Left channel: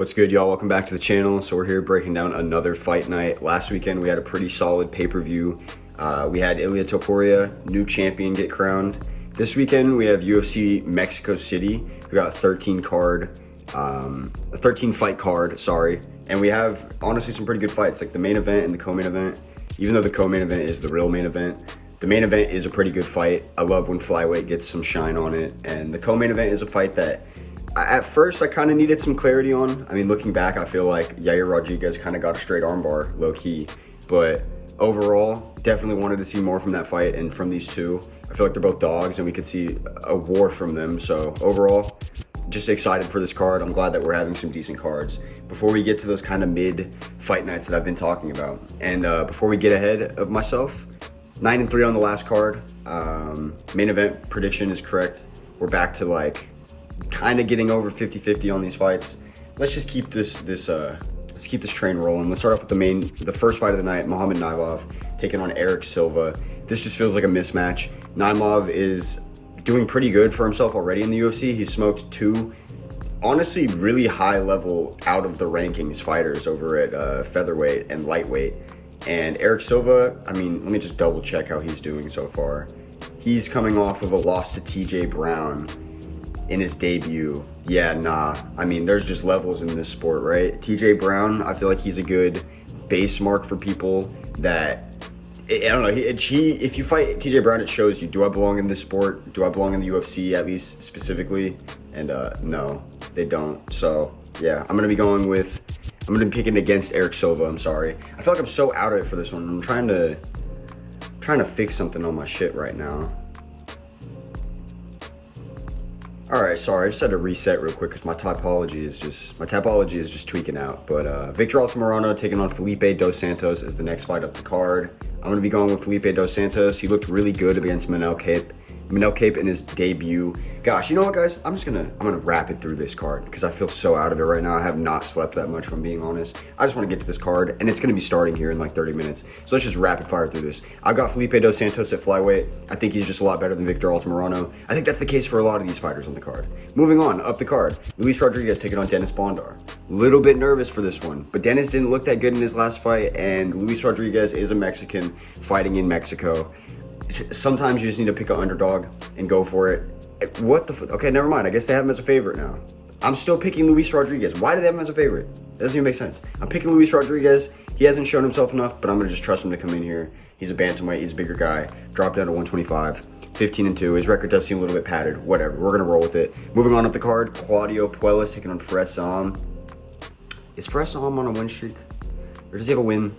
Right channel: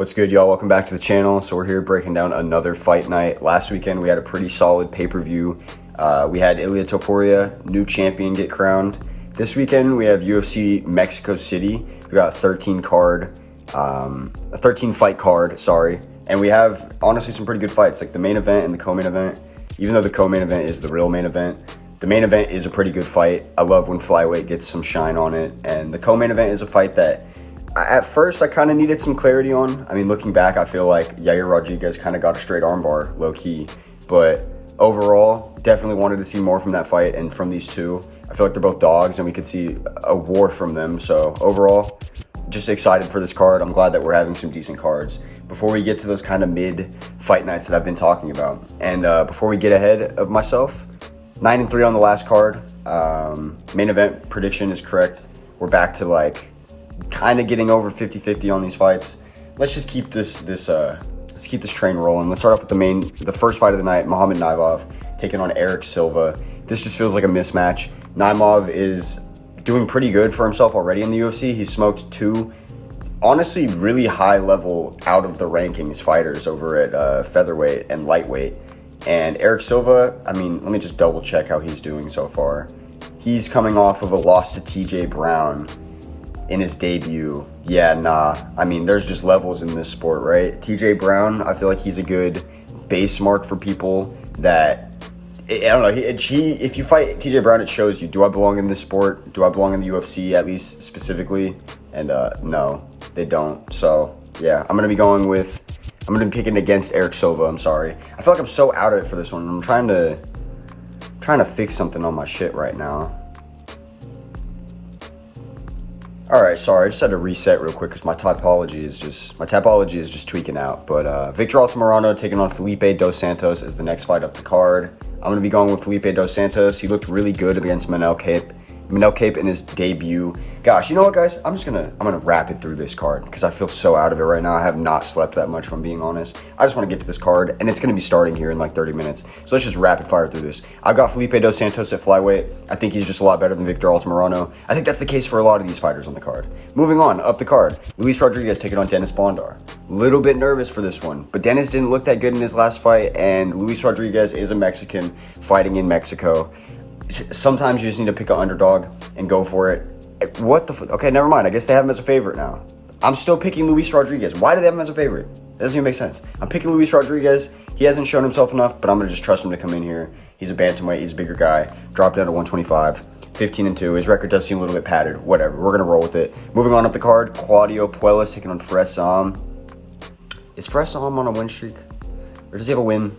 What's good, y'all? Welcome back to the channel. So we're here breaking down another fight night. Last weekend we had a pretty solid pay-per-view. We had Ilia Topuria, new champion, get crowned. This weekend we have UFC Mexico City. We got a 13 fight card, sorry. And we have honestly some pretty good fights, like the main event and the co-main event. Even though the co-main event is the real main event, the main event is a pretty good fight. I love when flyweight gets some shine on it. And the co-main event is a fight that at first I kind of needed some clarity on. I mean, looking back, I feel like Yair Rodriguez kind of got a straight armbar, low key. But overall, definitely wanted to see more from that fight and from these two. I feel like they're both dogs and we could see a war from them. So overall, just excited for this card. I'm glad that we're having some decent cards. Before we get to those kind of mid-fight nights that I've been talking about, and before we get ahead of myself, 9-3 on the last card. Main event prediction is correct. We're back to like kind of getting over 50-50 on these fights. Let's just keep this train rolling. Let's start off with the first fight of the night, Naimov taking on Erik Silva. This just feels like a mismatch. Naimov is doing pretty good for himself already in the UFC. He smoked two, honestly, really high level out of the rankings fighters over at featherweight and lightweight. And Erik Silva, I mean, let me just double check how he's doing so far. He's coming off of a loss to TJ Brown in his debut. Yeah, nah. I mean, there's just levels in this sport, right? TJ Brown, I feel like he's a good base mark for people that, I don't know, if you fight TJ Brown, it shows you, do I belong in this sport? Do I belong in the UFC, at least specifically? And no, they don't. So yeah, I'm gonna be picking against Erik Silva, I'm sorry. I feel like I'm so out of it for this one. I'm trying to fix something on my shit right now. All right, sorry, I just had to reset real quick because my topology is just tweaking out. But Victor Altimirano taking on Felipe dos Santos is the next fight up the card. I'm gonna be going with Felipe dos Santos. He looked really good against Manuel in his debut. Gosh, you know what, guys? I'm gonna wrap it through this card because I feel so out of it right now. I have not slept that much, if I'm being honest. I just want to get to this card, and it's gonna be starting here in like 30 minutes. So let's just rapid fire through this. I've got Felipe dos Santos at flyweight. I think he's just a lot better than Victor Altimirano. I think that's the case for a lot of these fighters on the card. Moving on, up the card, Luis Rodriguez taking on Dennis Bondar. Little bit nervous for this one, but Dennis didn't look that good in his last fight, and Luis Rodriguez is a Mexican fighting in Mexico. Sometimes you just need to pick an underdog and go for it. What the fuck? Okay, never mind. I guess they have him as a favorite now. I'm still picking Luis Rodriguez. Why do they have him as a favorite? That doesn't even make sense. I'm picking Luis Rodriguez. He hasn't shown himself enough, but I'm going to just trust him to come in here. He's a bantamweight. He's a bigger guy. Dropped down to 125. 15-2. His record does seem a little bit padded. Whatever. We're going to roll with it. Moving on up the card, Claudio Puelles taking on Ziam. Is Ziam on a win streak? Or does he have a win?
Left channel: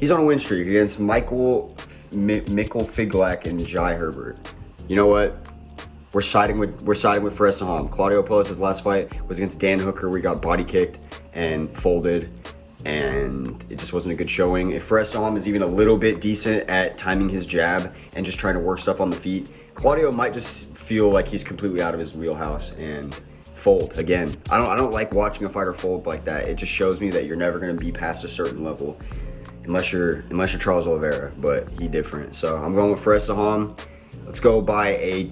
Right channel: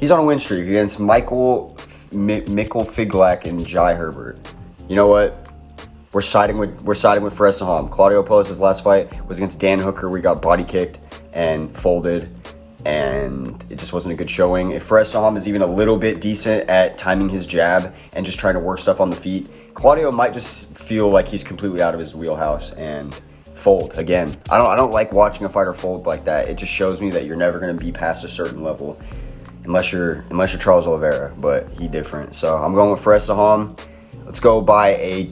He's on a win streak against Mikkel Figlak and Jai Herbert. You know what? We're siding with Ziam. Claudio Puelles' last fight was against Dan Hooker. We got body kicked and folded, and it just wasn't a good showing. If Ziam is even a little bit decent at timing his jab and just trying to work stuff on the feet, Claudio might just feel like he's completely out of his wheelhouse and fold again. I don't like watching a fighter fold like that. It just shows me that you're never going to be past a certain level. Unless you're Charles Oliveira, but he different. So I'm going with Ziam. Let's go by a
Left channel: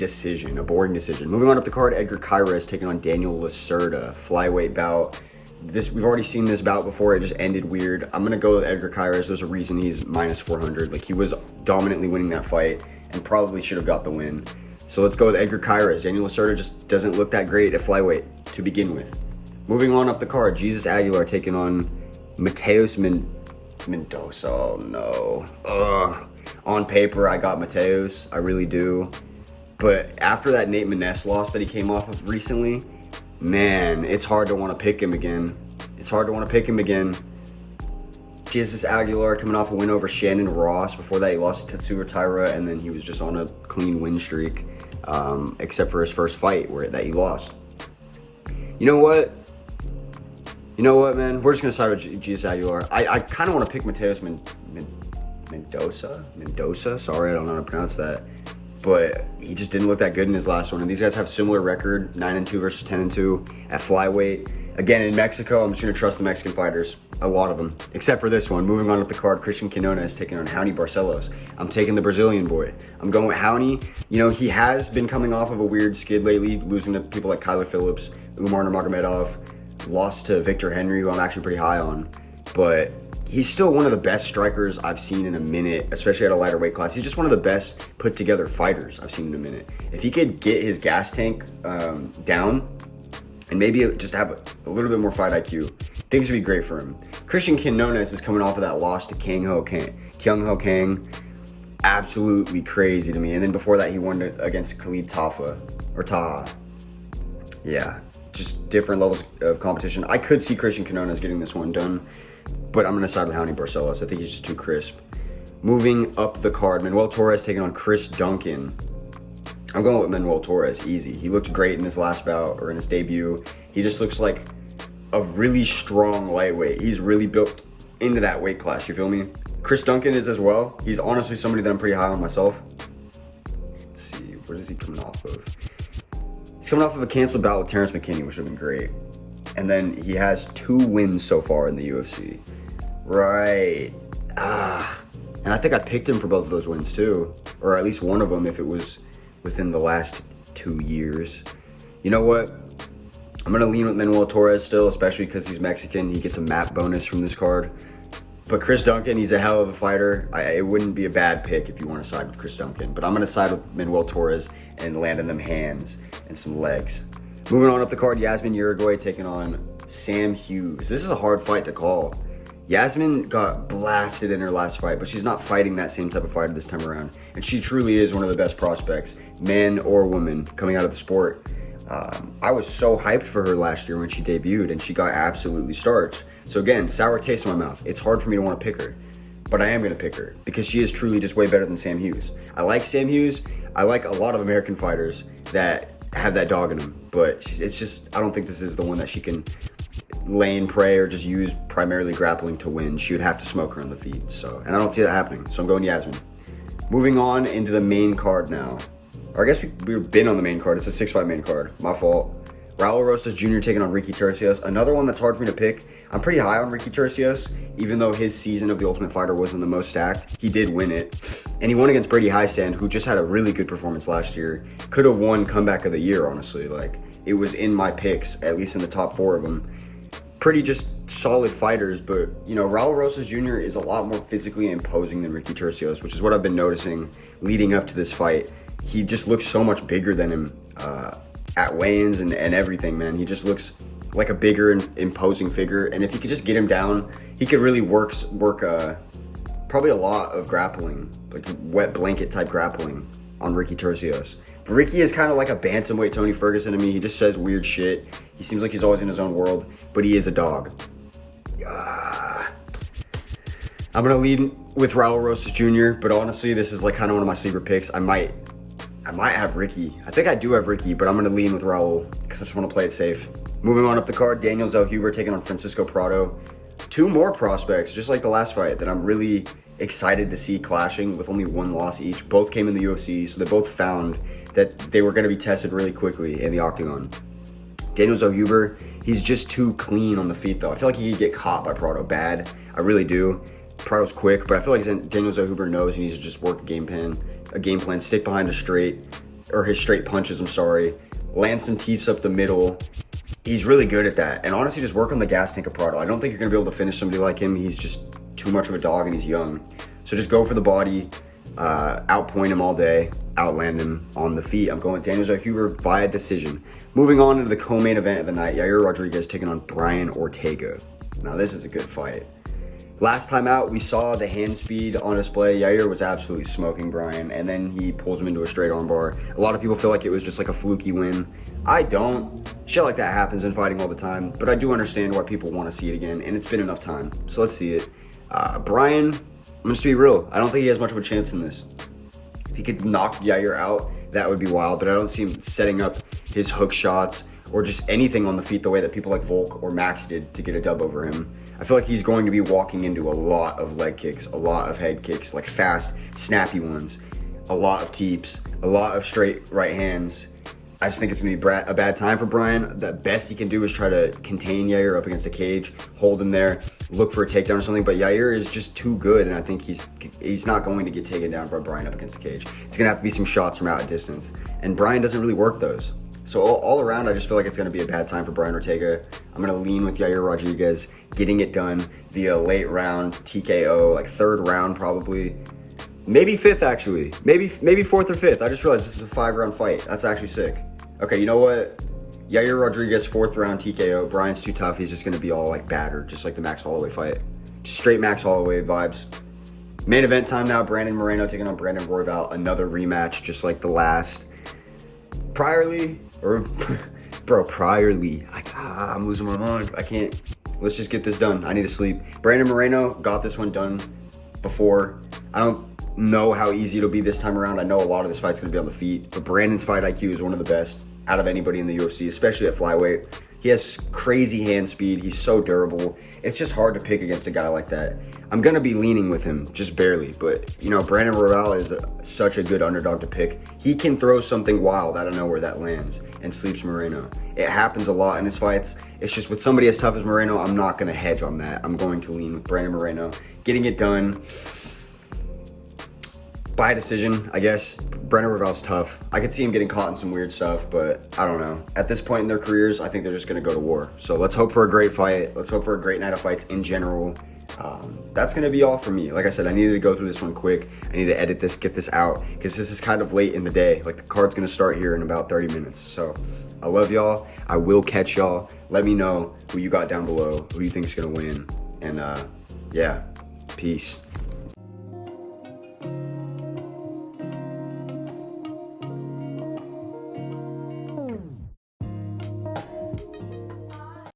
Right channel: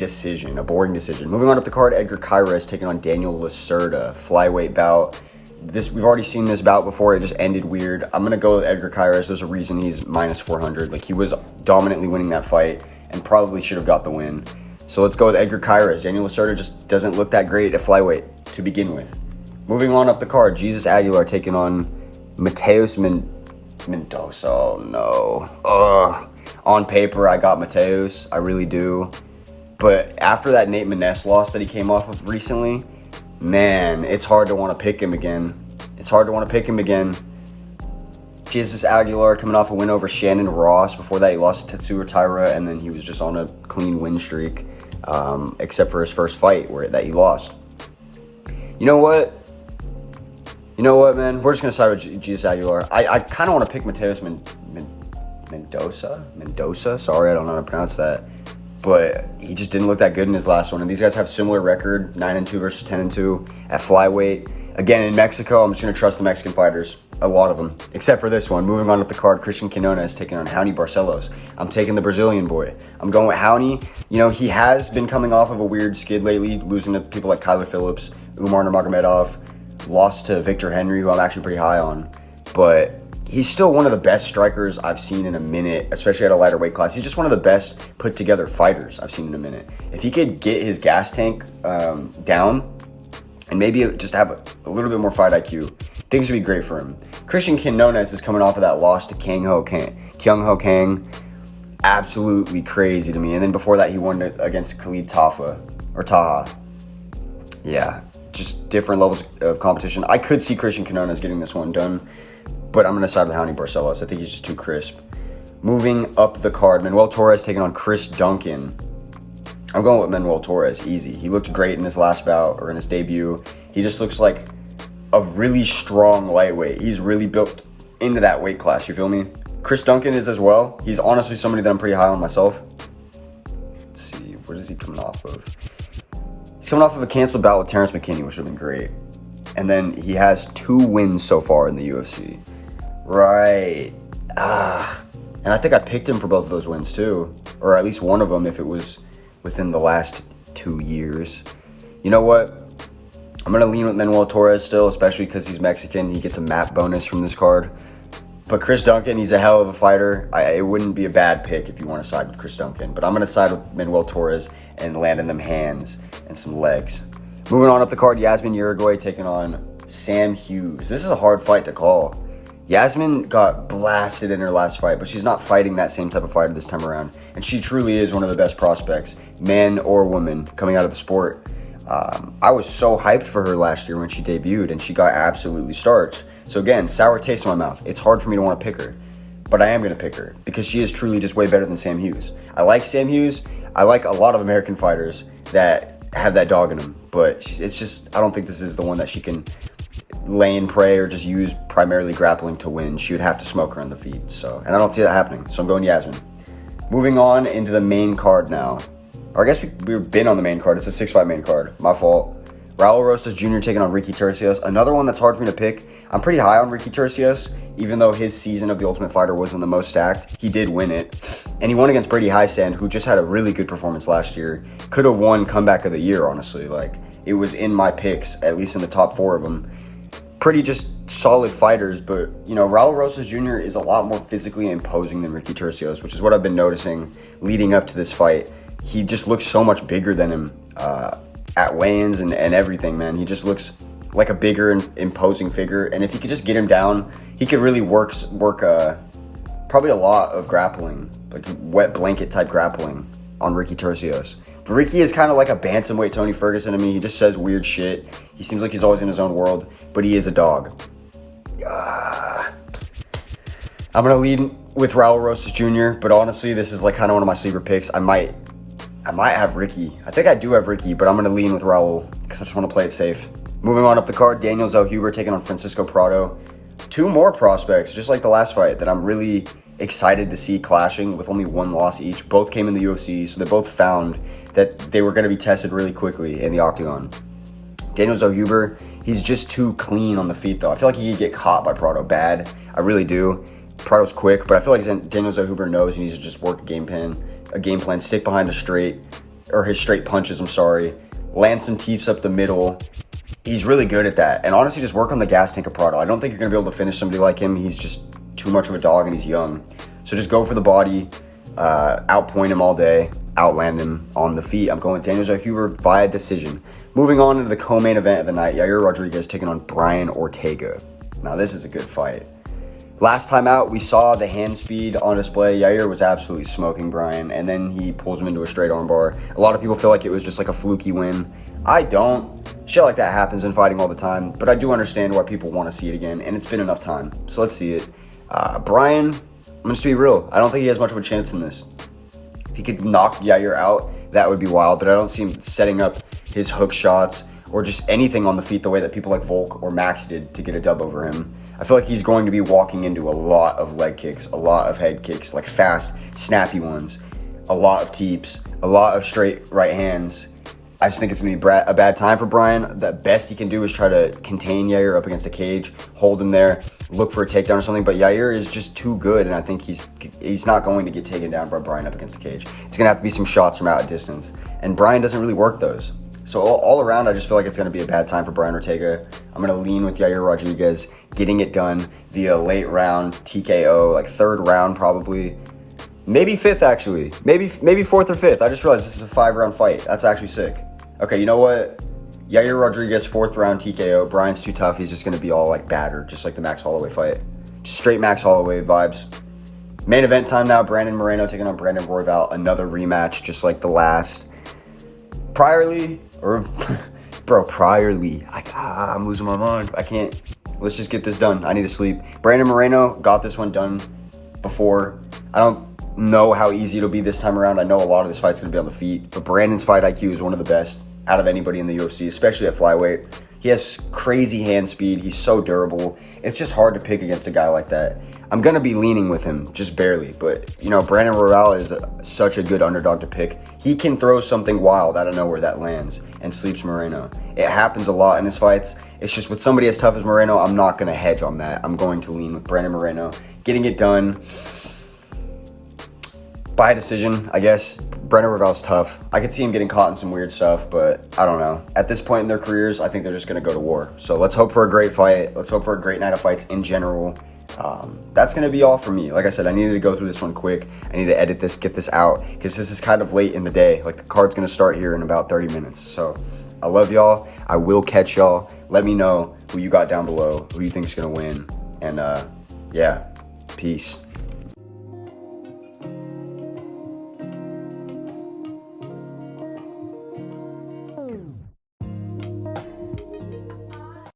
boring decision. Moving on up the card, Edgar Chairez taking on Daniel Lacerda, flyweight bout. We've already seen this bout before. It just ended weird. I'm gonna go with Edgar Chairez. There's a reason he's minus 400. Like, he was dominantly winning that fight and probably should have got the win. So let's go with Edgar Chairez. Daniel Lacerda just doesn't look that great at flyweight to begin with. Moving on up the card, Jesus Aguilar taking on Mateus Mendoza. Oh no. On paper, I got Mateus. I really do. But after that Nate Maness loss that he came off of recently, man, it's hard to want to pick him again. Jesus Aguilar coming off a win over Shannon Ross. Before that, he lost to Tetsuya Taira, and then he was just on a clean win streak, except for his first fight that he lost. You know what, man? We're just going to side with Jesus Aguilar. I kind of want to pick Mateus Mendoza. Sorry, I don't know how to pronounce that. But he just didn't look that good in his last one. And these guys have similar record, 9-2 versus 10-2 at flyweight. Again, in Mexico, I'm just going to trust the Mexican fighters. A lot of them. Except for this one. Moving on up the card, Cristian Quinones taking on Raoni Barcelos. I'm taking the Brazilian boy. I'm going with Raoni. You know, he has been coming off of a weird skid lately, losing to people like Kyler Phillips, Umar Nurmagomedov. lost to Victor Henry, who I'm actually pretty high on, but he's still one of the best strikers I've seen in a minute, especially at a lighter weight class. He's just one of the best put together fighters I've seen in a minute. If he could get his gas tank down and maybe just have a little bit more fight IQ, things would be great for him. Cristian Quinones is coming off of that loss to Kyung Ho Kang. Absolutely crazy to me. And then before that, he won against Khalid Taha. Yeah, just different levels of competition. I could see Cristian Quinones getting this one done, but I'm going to side with Raoni Barcelos. I think he's just too crisp. Moving up the card, Manuel Torres taking on Chris Duncan. I'm going with Manuel Torres, easy. He looked great in his last bout, or in his debut. He just looks like a really strong lightweight. He's really built into that weight class, you feel me? Chris Duncan is as well. He's honestly somebody that I'm pretty high on myself. Let's see, what is he coming off of? He's coming off of a canceled bout with Terrence McKinney, which would have been great. And then he has 2 wins so far in the UFC. Right. And I think I picked him for both of those wins too. Or at least one of them if it was within the last 2 years. You know what? I'm going to lean with Manuel Torres still, especially because he's Mexican. He gets a map bonus from this card. But Chris Duncan, he's a hell of a fighter. It wouldn't be a bad pick if you want to side with Chris Duncan. But I'm going to side with Manuel Torres and land in them hands and some legs. Moving on up the card, Yazmin Jauregui taking on Sam Hughes. This is a hard fight to call. Yazmin got blasted in her last fight, but she's not fighting that same type of fighter this time around. And she truly is one of the best prospects, man or woman, coming out of the sport. I was so hyped for her last year when she debuted, and she got absolutely starched. So again, sour taste in my mouth. It's hard for me to want to pick her, but I am going to pick her because she is truly just way better than Sam Hughes. I like Sam Hughes. I like a lot of American fighters that have that dog in them, but it's just, I don't think this is the one that she can lay and pray or just use primarily grappling to win. She would have to smoke her on the feet. And I don't see that happening. So I'm going Yazmin. Moving on into the main card now. Or I guess we've been on the main card. It's a 6-5 main card. My fault. Raul Rosas Jr. taking on Ricky Turcios. Another one that's hard for me to pick. I'm pretty high on Ricky Turcios, even though his season of The Ultimate Fighter wasn't the most stacked. He did win it. And he won against Brady Highsand, who just had a really good performance last year. Could have won Comeback of the Year, honestly. Like, it was in my picks, at least in the top 4 of them. Pretty just solid fighters, but, you know, Raul Rosas Jr. is a lot more physically imposing than Ricky Turcios, which is what I've been noticing leading up to this fight. He just looks so much bigger than him at weigh-ins and everything, man. He just looks like a bigger and imposing figure, and if you could just get him down, he could really work probably a lot of grappling, like wet blanket type grappling on Ricky Turcios. But Ricky is kind of like a bantamweight Tony Ferguson to me. He just says weird shit. He seems like he's always in his own world, but he is a dog. I'm gonna lead with Raul Rosas Jr., but honestly, this is like kind of one of my sleeper picks. I might have Ricky. I think I do have Ricky, but I'm gonna lean with Raul because I just want to play it safe. Moving on up the card, Daniel Zellhuber taking on Francisco Prado. 2 more prospects, just like the last fight, that I'm really excited to see clashing with only 1 loss each. Both came in the UFC, so they both found that they were going to be tested really quickly in the octagon. Daniel Zellhuber, he's just too clean on the feet, though. I feel like he could get caught by Prado bad. I really do. Prado's quick, but I feel like Daniel Zellhuber knows he needs to just work a game plan, stick behind his straight punches, land some teeps up the middle. He's really good at that. And honestly, just work on the gas tank of Prado. I don't think you're going to be able to finish somebody like him. He's just too much of a dog and he's young. So just go for the body, outpoint him all day, outland him on the feet. I'm going Daniel Zellhuber via decision. Moving on into the co-main event of the night, Yair Rodriguez taking on Brian Ortega. Now, this is a good fight. Last time out, we saw the hand speed on display. Yair was absolutely smoking Brian, and then he pulls him into a straight armbar. A lot of people feel like it was just like a fluky win. I don't. Shit like that happens in fighting all the time, but I do understand why people want to see it again, and it's been enough time. So let's see it. Brian, I'm going to be real. I don't think he has much of a chance in this. If he could knock Yair out, that would be wild, but I don't see him setting up his hook shots or just anything on the feet the way that people like Volk or Max did to get a dub over him. I feel like he's going to be walking into a lot of leg kicks, a lot of head kicks, like fast, snappy ones, a lot of teeps, a lot of straight right hands. I just think it's going to be a bad time for Brian. The best he can do is try to contain Yair up against a cage, hold him there, look for a takedown or something. But Yair is just too good, and I think he's not going to get taken down by Brian up against the cage. It's going to have to be some shots from out at distance, and Brian doesn't really work those. So all around, I just feel like it's going to be a bad time for Brian Ortega. I'm going to lean with Yair Rodriguez, getting it done via late round TKO, like third round probably. Maybe fifth, actually. Maybe fourth or fifth. I just realized this is a 5-round fight. That's actually sick. Okay, you know what? Yair Rodriguez, 4th round TKO. Brian's too tough. He's just going to be all, like, battered, just like the Max Holloway fight. Just straight Max Holloway vibes. Main event time now. Brandon Moreno taking on Brandon Royval. Another rematch, just like the last. Priorly, I'm losing my mind. I can't. Let's just get this done. I need to sleep. Brandon Moreno got this one done before. I don't know how easy it'll be this time around. I know a lot of this fight's going to be on the feet, but Brandon's fight IQ is one of the best out of anybody in the UFC, especially at flyweight. He has crazy hand speed. He's so durable. It's just hard to pick against a guy like that. I'm going to be leaning with him, just barely. But, you know, Brandon Royval is such a good underdog to pick. He can throw something wild out of nowhere that lands and sleeps Moreno. It happens a lot in his fights. It's just with somebody as tough as Moreno, I'm not going to hedge on that. I'm going to lean with Brandon Moreno. Getting it done by decision, I guess. Brandon Royval's tough. I could see him getting caught in some weird stuff, but I don't know. At this point in their careers, I think they're just going to go to war. So let's hope for a great fight. Let's hope for a great night of fights in general. That's going to be all for me. Like I said, I needed to go through this one quick. I need to edit this, get this out, because this is kind of late in the day. Like, the card's going to start here in about 30 minutes. So I love y'all. I will catch y'all. Let me know who you got down below, who you think is going to win. And yeah, peace.